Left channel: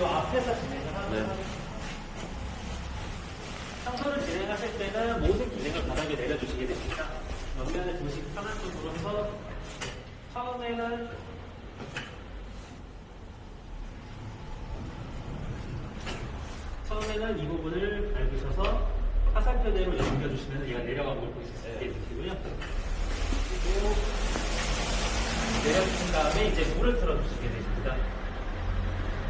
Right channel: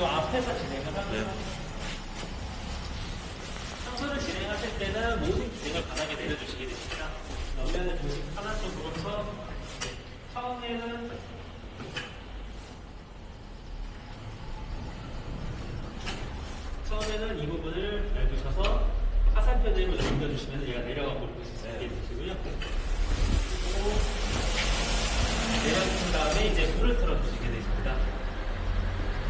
이 앞에서 진행을 하도록 하겠습니다. 청소를 진행하실 때는 모든 기능을 바닥에 내려주시게 됩니다. 옆면을 조식 하나씩으로서 처음에는 이 부분을 밟으셔서 화살표대로 넘겨주시면 얘가 내려가고 보실 수 있게 되시고요. 그리고 내려주신 다음에 이제 물을 틀어주시게 되십니다.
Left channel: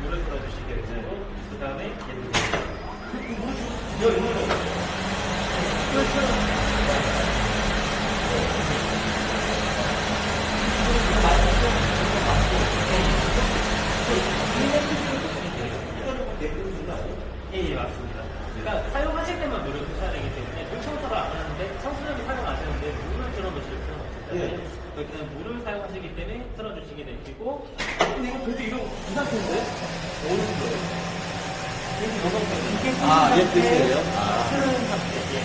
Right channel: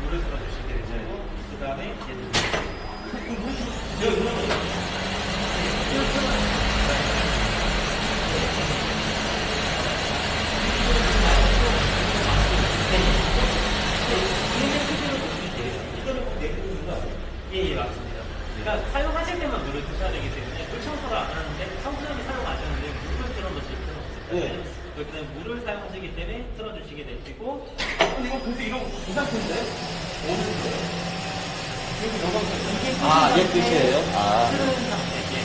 물을 틀어주시게 되시고 그 다음에 얘를 예, 맞습니다. 그러니까 사용하실 때만 물을 드셔야 되기 때문에 물 청소를 안 하는데 청소년을 사용 안 하는데 물을 틀어놓으실 필요가 없잖아요. 그렇기 때문에 물을 사용하시기 때문에 틀어주시게 되시고 이거 근데 이거 이 상태인데? 어느 정도예요? 여기 이 상태인데? 이게 얘 끝이에요? 흐르는 상태. 예.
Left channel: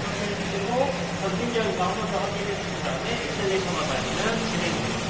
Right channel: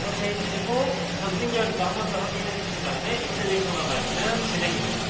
이렇게 해주시고 전진경과 한 번 더 확인해 주신 다음에 엑셀레이터만 밟으면 진행이 됩니다.